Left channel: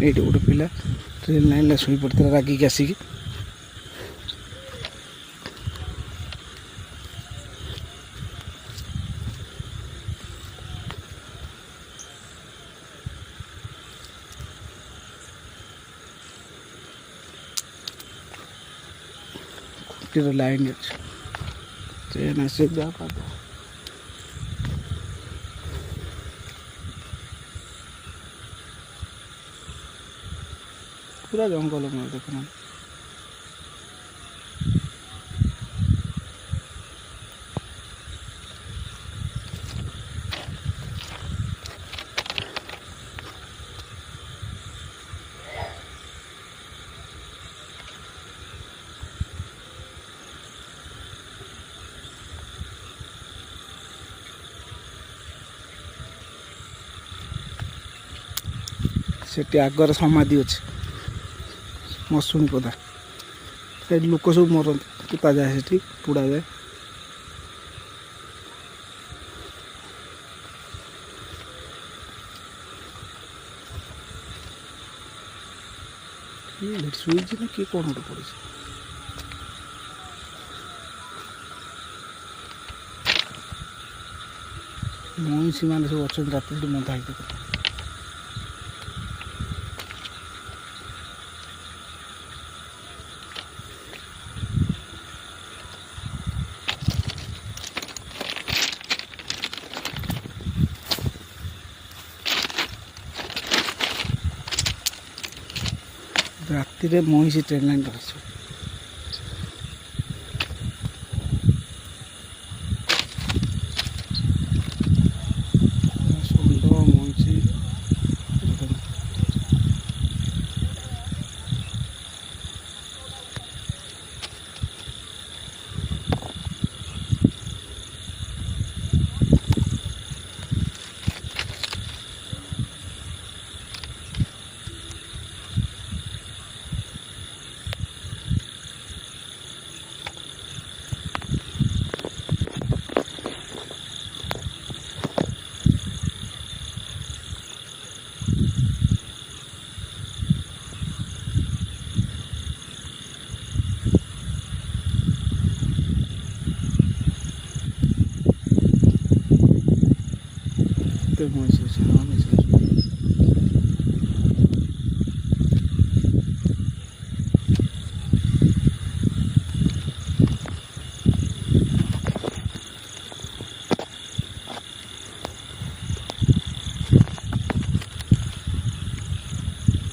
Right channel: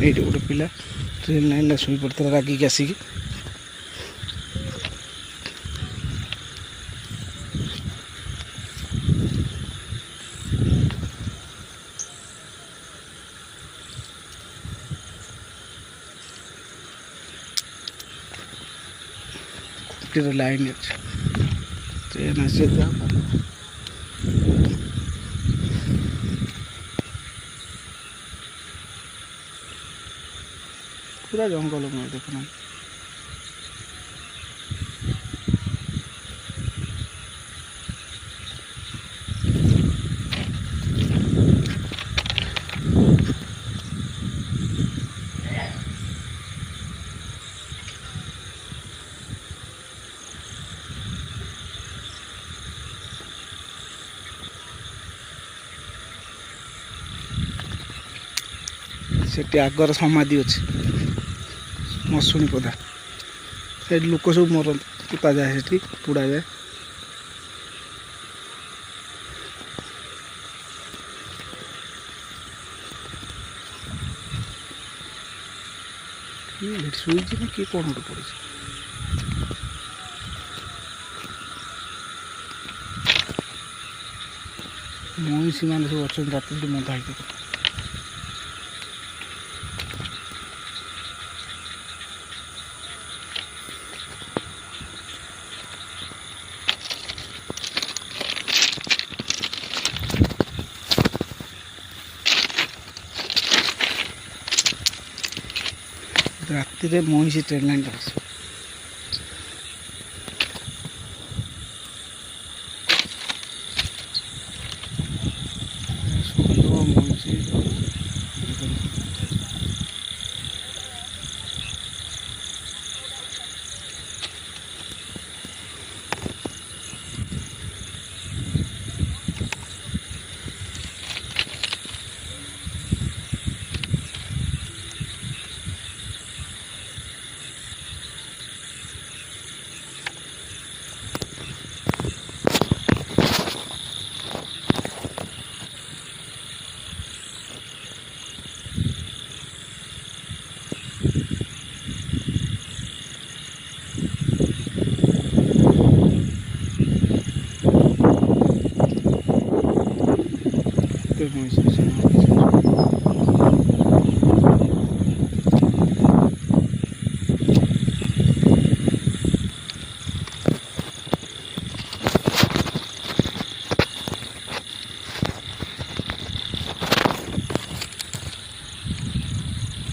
ଏଇଠି ଗୋଟେ ପିଲା ଟ୍ରେନ୍ ଲାଇନ୍ରେ ଶୋଇ ପଡ଼ିଥିଲା ରାଗିକି ଆସିକି। ଖୁଣ୍ଟିର ଲାଇନ୍ ଅଛି, ଟ୍ରେନ୍ ଆସି पूरा जंगल में देखना। सेठी आगर समाधि अच्छे मशुणी पदा से लोक सब मरते पुता जाए से पुड़ा जाए। शुईची ना किए कौन गोटे पड़े मईसी मैंने सब अच्छा रात बंधा ही राति मईसी ट्रेन लाइन आस मईसी मईसी